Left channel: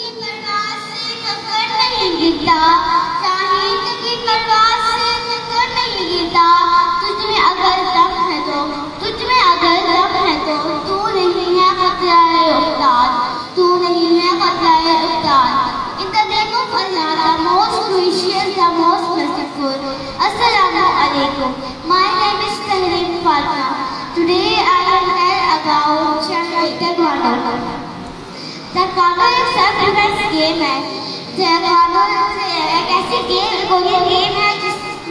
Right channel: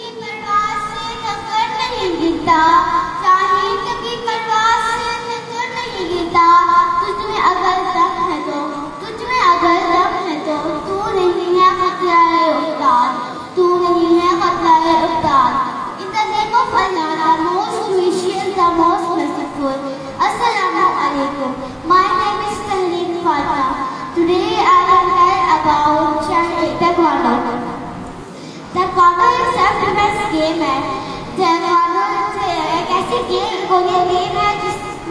की परवाह से मगर नहीं गिरता, शाहीद की परवाह से मगर नहीं गिरता। तुझ में अगर दम है तो, तुझ में अगर दम है तो, तू नहीं है खतरा-ए उस्ताद, तू नहीं है खतरा-ए उस्ताद। In the name of Allah, the most gracious, the most merciful. Assalamu alaikum. My name is Tahreem Fatima. Today I will tell about taekwondo. Taekwondo एक सेल्फ डिफेंस गेम है। ताइक्वांडो एक ऐसी कोरियन गेम है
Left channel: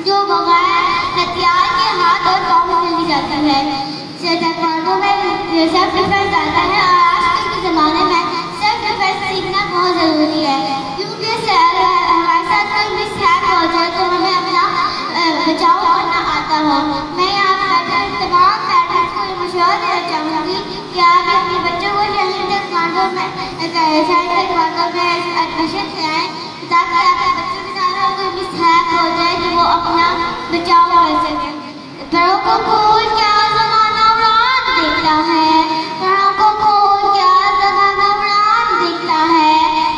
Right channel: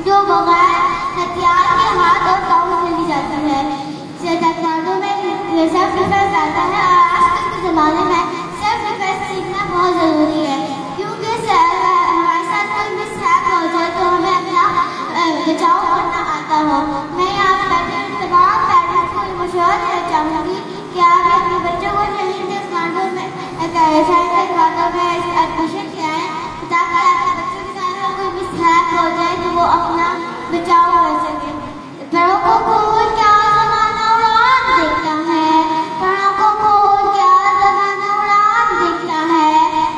जो बगैर हथियार के हाथ और पाँव में खेली जाती है। ताइक्वांडो में सेल्फ डिफेंस आता है और आजकल के ज़माने में सेल्फ डिफेंस सीखना बहुत ज़रूरी है, क्योंकि हमारे साथ कोई मिसहैप हो जाए तो हमें अपना बचाव करना आता हो। मैं यहाँ पर तमाम पेरेंट्स को मशवरा देना चाहूँगी कि आप अपने बच्चों को ताइक्वांडो में एडमिशन कराएं, ताकि आपके बच्चों के साथ कोई मिसहैप हो जाए तो वो अपना बचाव कर सके। बड़ों को खोल क्या ज़माना उड़ान देखता है, बड़ों को खोल क्या ज़माना उड़ान देखता है।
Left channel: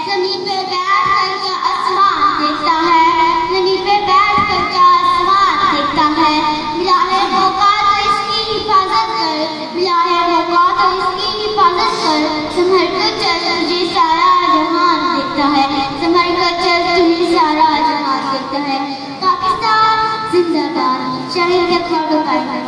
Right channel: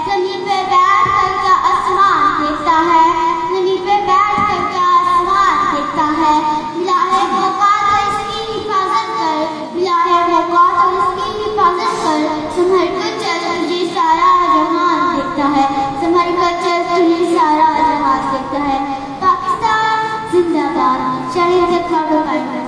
ज़मीन पे बैठ कर क्या आसमान देखता है, ज़मीन पे बैठ कर क्या आसमान देखता है। मिला है मौका तो इसकी हिफाजत कर, मिला है मौका तो इसकी हिफाजत कर। संभल कर चल तुझे सारा जहान देखता है, संभल कर चल तुझे सारा जहान देखता है। पाकिस्तान जिंदाबाद। शाहीद ताइक्वांडो।